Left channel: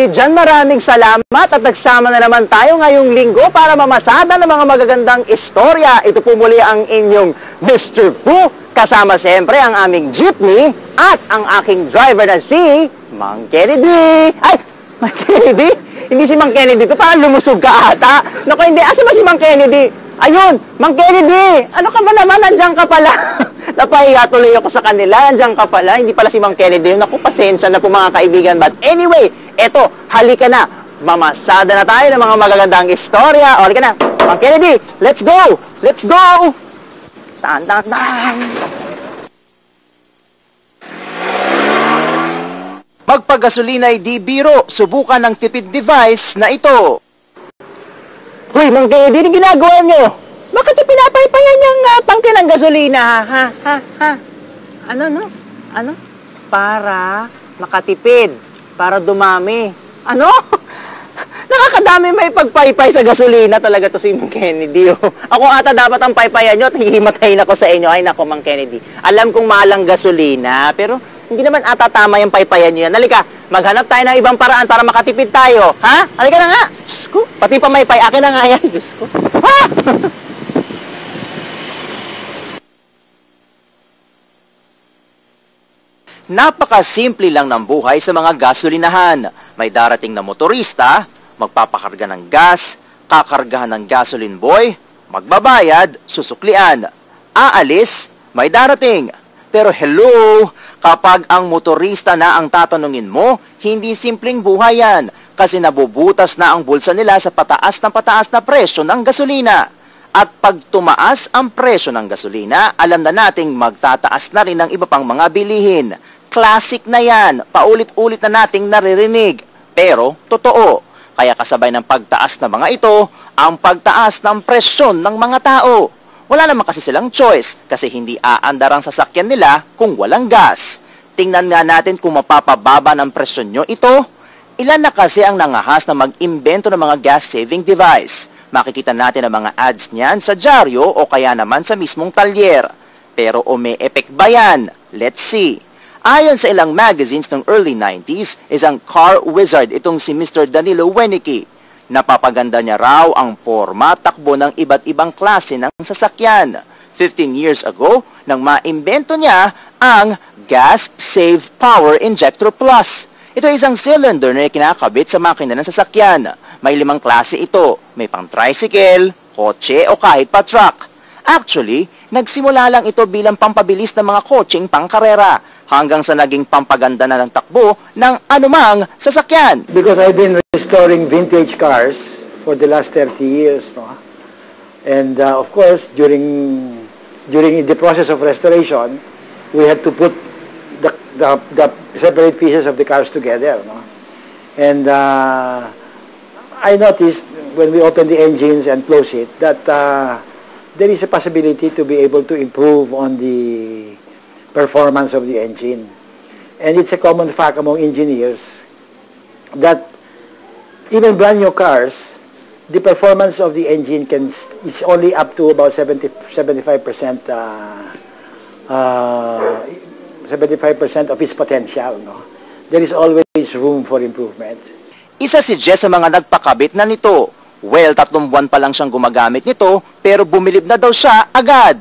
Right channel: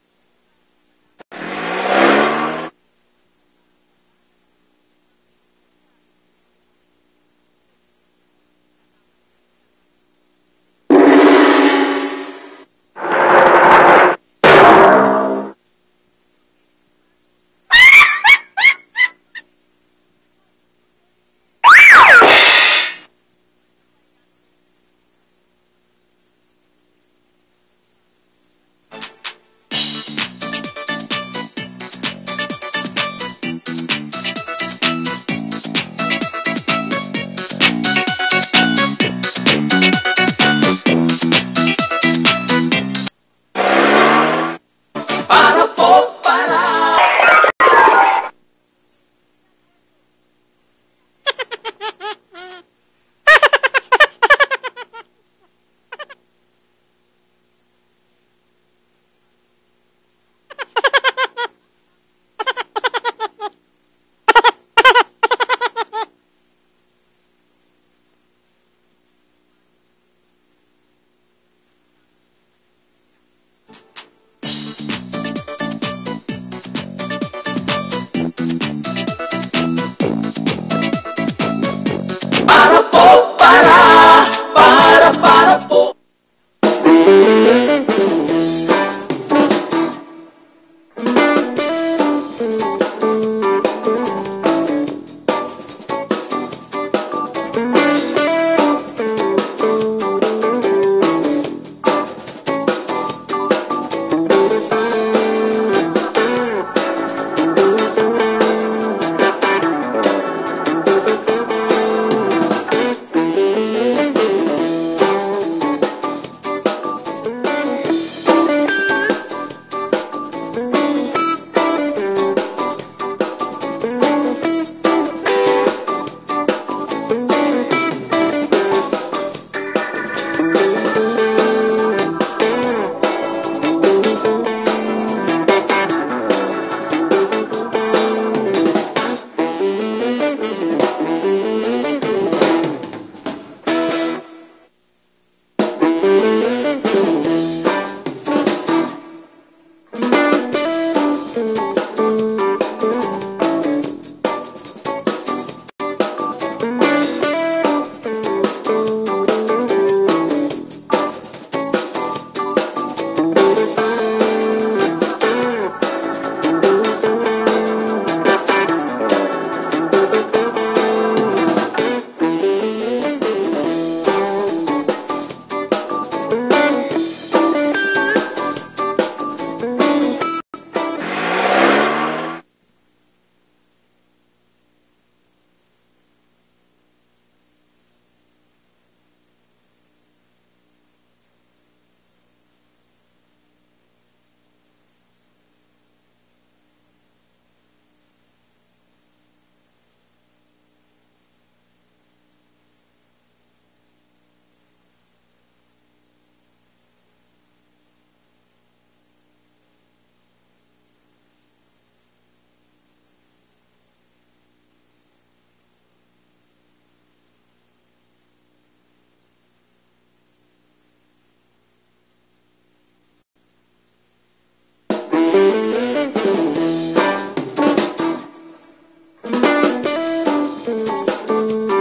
kayo dyan, maraming salamat at nagsama na naman tayo ngayong linggo para mamasada ng mga magagandang istorya. Ito po muli ang inyong Mr. Fu, kasama siyempre ang aming jeepney at ang aking driver na si Kennedy. Ay, Kennedy? Hindi si Mang Kennedy ito, parang lumusog ka ata. Naku, hindi, asa ba si Mang Kennedy? Ayun, Mang Kennedy! Ano ka ba naman? Nandiyan ka pala. Napahiya tuloy ako sa kanila. Nandiyan ka pala. Hindi pala si Mang Kennedy. Naku, pasensya na po mga kaibigan. But anyway, eto, halika na. Mamasada na tayo ng mga magagandang istorya. O, halika na. Mang Kennedy, let's go! Let's go! Tan, tan, tan. Magpagasolina ay di biro. Subukan ng tipid device na ito. Hoy, Mang Kennedy, ginagawa nyo? Bakit yung pinapaypayan niyang tangke ng gasolina, ha? Ano, no? Ano? Para makatipid. Para dumami. Ano? Nakakadami may pagpaypay sa gasolina talaga to si Mang Kennedy. Ako ata dapat ang paypayan nyo at hihimatayin ako sa inyo. Ay, nako, Mang Kennedy. Alam kong mahal ang gasolina, pero hindi naman ata tama yung paypayan nyo yan. Halika, maghanap tayo ng ibang paraan para makatipid tayo. Ha? Halika na nga. Pati pa may pay, akin na nga yan. Ha? Para po. Napakasimple lang ng buhay sa mga gasolinahan. May darating na motorista, magpapakarga ng gas, kakargahan ng gasoline boy, magbabayad, susuklian. Aalis, may darating. Pero hello, kapag ang motorista na ang tatanungin mo, hindi simpleng buhay yan. Kasi nabubutas na ang bulsa nila sa pataas na presyo ng gasolina. At pag tumaas ang presyo ng gasolina, alam na nating magtataas na rin ang iba pang mga bilihin. Classic na yan, paulit-ulit na nating naririnig. Pero totoo, kaya kasabay ng pagtaas ng mga ito, ang pagtaas ng presyon ng mga tao. Wala naman kasi silang choice kasi hindi aandar ang sasakyan nila kung walang gas. Tingnan nga natin kung mapapababa ng presyon nyo ito. Ilan na kasi ang nangahas na mag-invento ng mga gas-saving device. Makikita natin ang mga ads niyan sa dyaryo o kaya naman sa mismong talyer. Pero o may effect ba yan? Let's see. Ayon sa ilang magazines ng early 90s, isang car wizard itong si Mr. Danilo Wenicke. Napapaganda niya raw ang forma takbo ng iba't ibang klase ng sasakyan. 15 years ago, nang ma-invento niya ang Gas Save Power Injector Plus. Ito ay isang cylinder na kinakabit sa makina ng sasakyan. May 5 klase ito. May pang tricycle, kotse o kahit pa truck. Actually, nagsimula lang ito bilang pampabilis ng mga kotseng pangkarera hanggang sa naging pampaganda na ng takbo ng anumang sasakyan. Because I've been restoring vintage cars for the last 30 years, no? And of course, during the process of restoration, we had to put the separate pieces of the cars together, no? And I noticed when we open the engines and close it that there is a possibility to be able to improve on the performance of the engine. And it's a common fact among engineers that even brand new cars, the performance of the engine is only up to about 75% of its potential. No? There is always room for improvement. Isa si Jess sa mga nagpakabit na nito. Well, 3 buwan pa lang siyang gumagamit ito, pero bumilib na daw siya agad.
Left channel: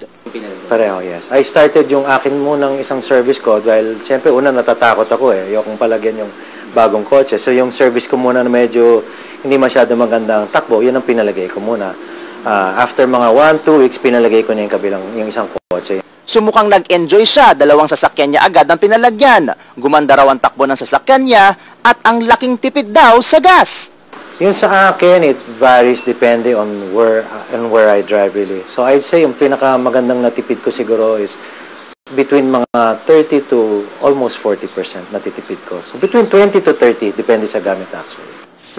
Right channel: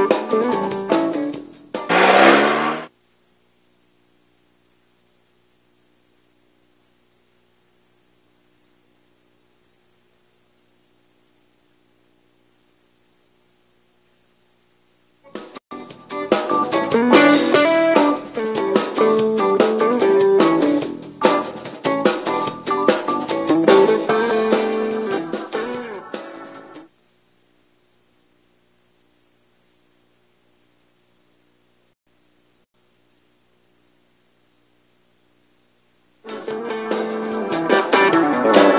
Pareho, yes. I started yung akin munang isang service ko dahil siyempre una natatakot ako eh. Ayokong palagyan yung bagong kotse. So yung service ko muna na medyo hindi masyado maganda ang takbo, yun ang pinalagay ko muna. After mga 1-2 weeks, pinalagay ko na yung isang kotse. Sumukang nag-enjoy siya, 2 sasakyan niya agad ang pinalagyan. Gumanda raw ang takbo ng sasakyan niya at ang laking tipid daw sa gas. Yung sa akin, it varies depende on where I drive really. So I'd say yung pinakamagandang natipid ko siguro is between mga 30 to almost 40% natitipid ko. So between 20 to 30, depende sa gas.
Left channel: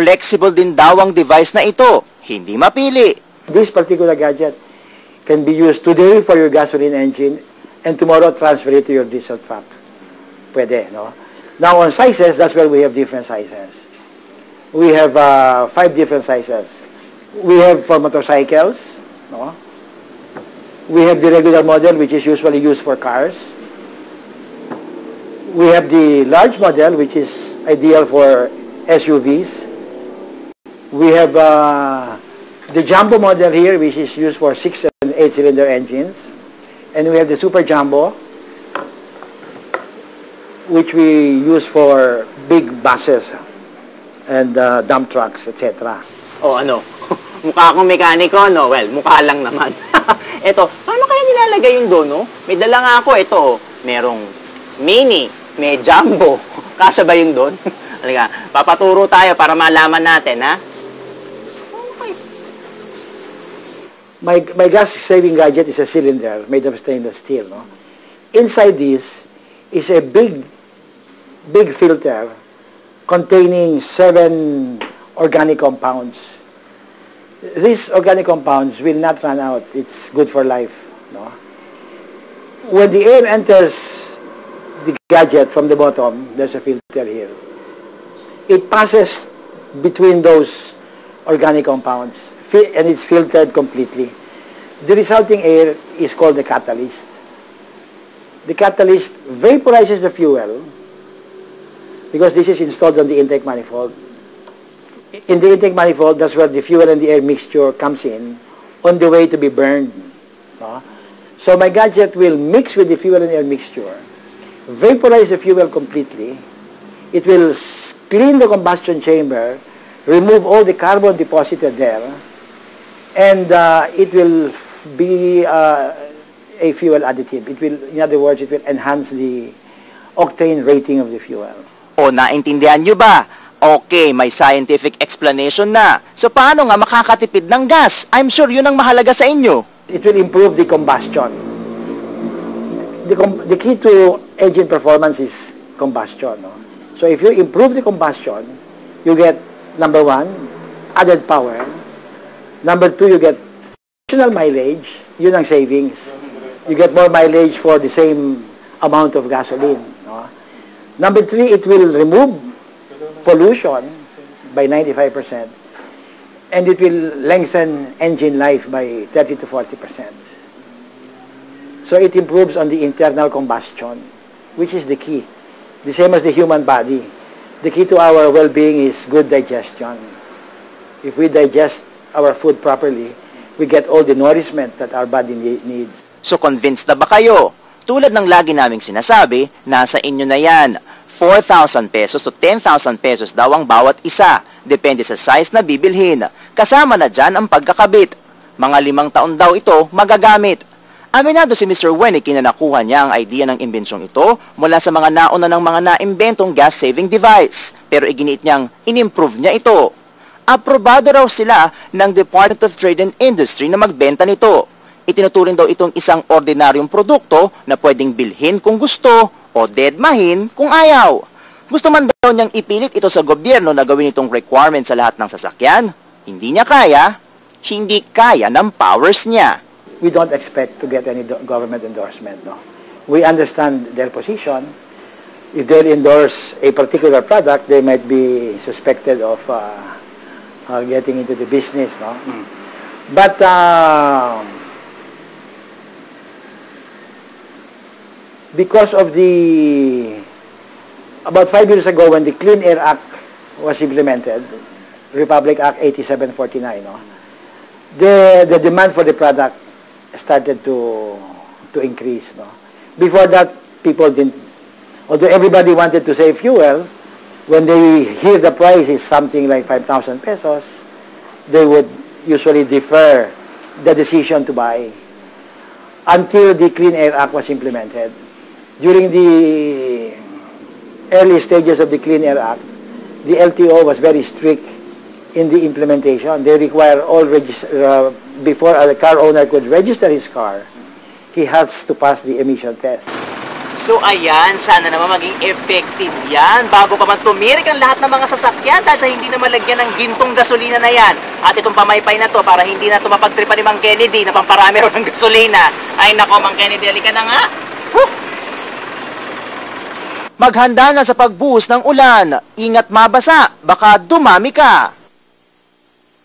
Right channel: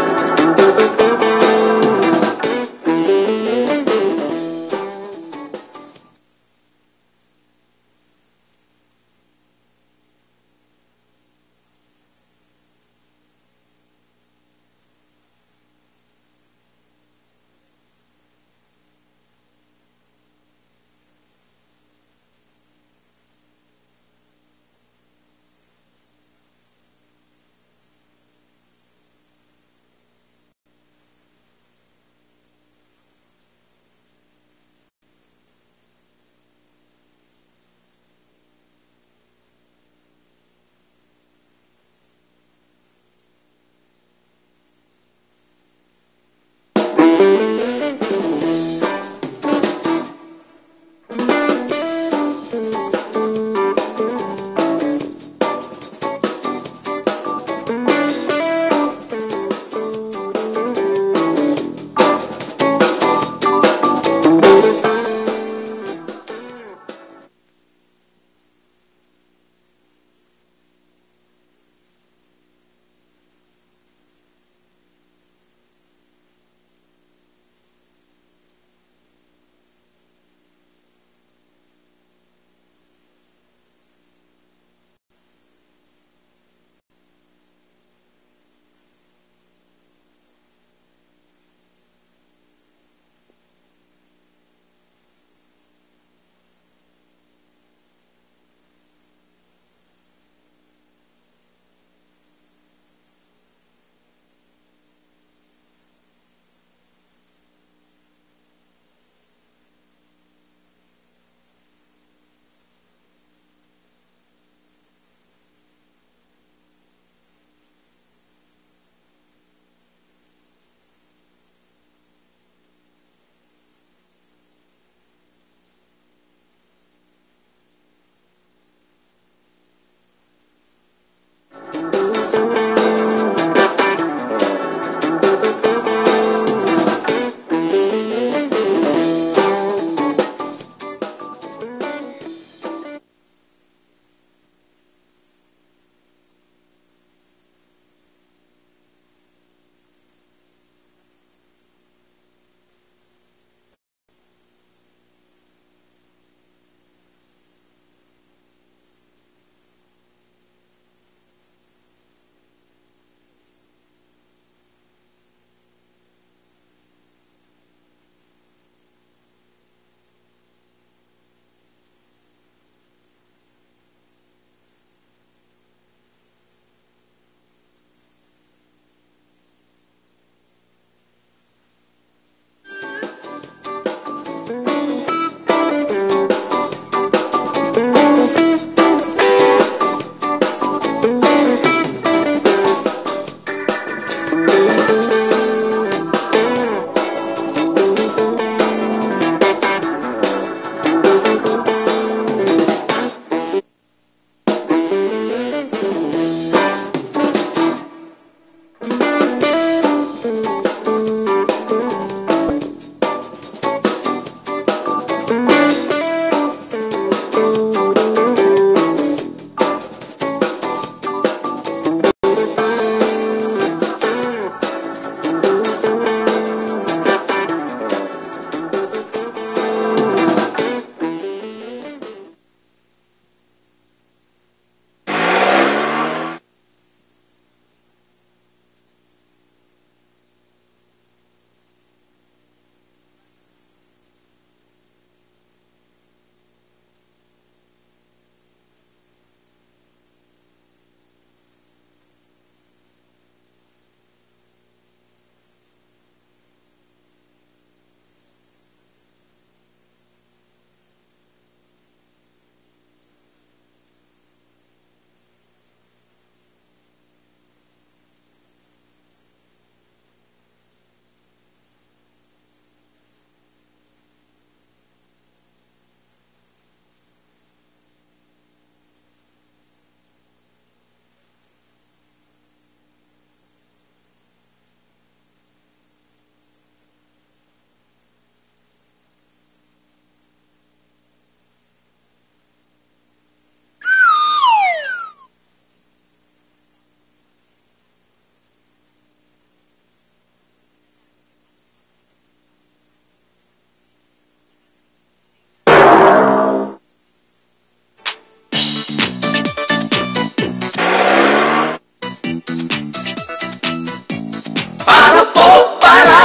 Flexible din daw ang device na ito, hindi mapili. This particular gadget can be used today for your gasoline engine and tomorrow transfer it to your diesel truck. Pwede, no? Now on sizes, that's where we have different sizes. We have 5 different sizes. We have for motorcycles, no? We have the regular model, which is usually used for cars. We have the large model, which is ideal for SUVs. We have the Jumbo model here, which is used for 6 and 8-cylinder engines. And we have the Super Jumbo, which we use for big buses and dump trucks, etc. O ano, mukha akong mekaniko, no? Well, mukha lang naman. Eto, paano kaya nilalagay yung doon, no? May dala nga ako, ito, merong mini, may jumbo. Kasya ba yung doon? Talaga, papaturo tayo para malaman natin, ha? My gas-saving gadget is a cylinder made of stainless steel, no? Inside this is a big filter containing 7 organic compounds. These organic compounds will not run out. It's good for life. No? When the air enters the gadget from the bottom, there's a filter here. It passes between those organic compounds, and it's filtered completely. The resulting air is called the catalyst. The catalyst vaporizes the fuel, because this is installed on the intake manifold. In the intake manifold, that's where the fuel and the air mixture comes in on the way to be burned. No? So my gadget will mix with the fuel and air mixture, vaporize the fuel completely. It will clean the combustion chamber, remove all the carbon deposited there, and it will be a fuel additive. It will, in other words, it will enhance the octane rating of the fuel. O, naintindihan nyo ba? Okay, may scientific explanation na. So, paano nga makakatipid ng gas? I'm sure yun ang mahalaga sa inyo. It will improve the combustion. The key to engine performance is combustion. No? So, if you improve the combustion, you get, number 1, added power. Number 2, you get additional mileage. Yun ang savings. You get more mileage for the same amount of gasoline. No? Number 3, it will remove pollution by 95%, and it will lengthen engine life by 30 to 40%. So it improves on the internal combustion, which is the key. The same as the human body. The key to our well-being is good digestion. If we digest our food properly, we get all the nourishment that our body needs. So, convinced na ba kayo? Tulad ng lagi naming sinasabi, nasa inyo na yan. 4,000 pesos to 10,000 pesos daw ang bawat isa. Depende sa size na bibilhin. Kasama na dyan ang pagkakabit. Mga 5 taon daw ito magagamit. Aminado si Mr. Wenicky na nakuha niya ang idea ng imbensyong ito mula sa mga nauna ng mga naimbentong gas-saving device. Pero iginiit niyang in-improve niya ito. Aprobado raw sila ng Department of Trade and Industry na magbenta nito. Itinuturing daw itong isang ordinaryong produkto na pwedeng bilhin kung gusto o dedmahin kung ayaw. Gusto man daw niyang ipilit ito sa gobyerno na gawin itong requirement sa lahat ng sasakyan. Hindi niya kaya, hindi kaya ng powers niya. We don't expect to get any government endorsement. No? We understand their position. If they endorse a particular product, they might be suspected of getting into the business. No? But because of about 5 years ago when the Clean Air Act was implemented, Republic Act 8749, no? The demand for the product started to increase. No? Before that, people didn't, although everybody wanted to save fuel, when they hear the price is something like 5,000 pesos, they would usually defer the decision to buy until the Clean Air Act was implemented. During the early stages of the Clean Air Act, the LTO was very strict in the implementation. They require all before a car owner could register his car, he has to pass the emission test. So ayan, sana naman maging effective yan bago pa man tumirik ang lahat ng mga sasakyan dahil sa hindi na malagyan ng gintong gasolina na yan. At itong pamaypay na to para hindi na ito mapagtripa ni Mang Kennedy na pamparami rin ng gasolina. Ay nako, Mang Kennedy, halika na nga. Maghanda na sa pagbuhos ng ulan. Ingat mabasa, baka dumami ka. Para po, para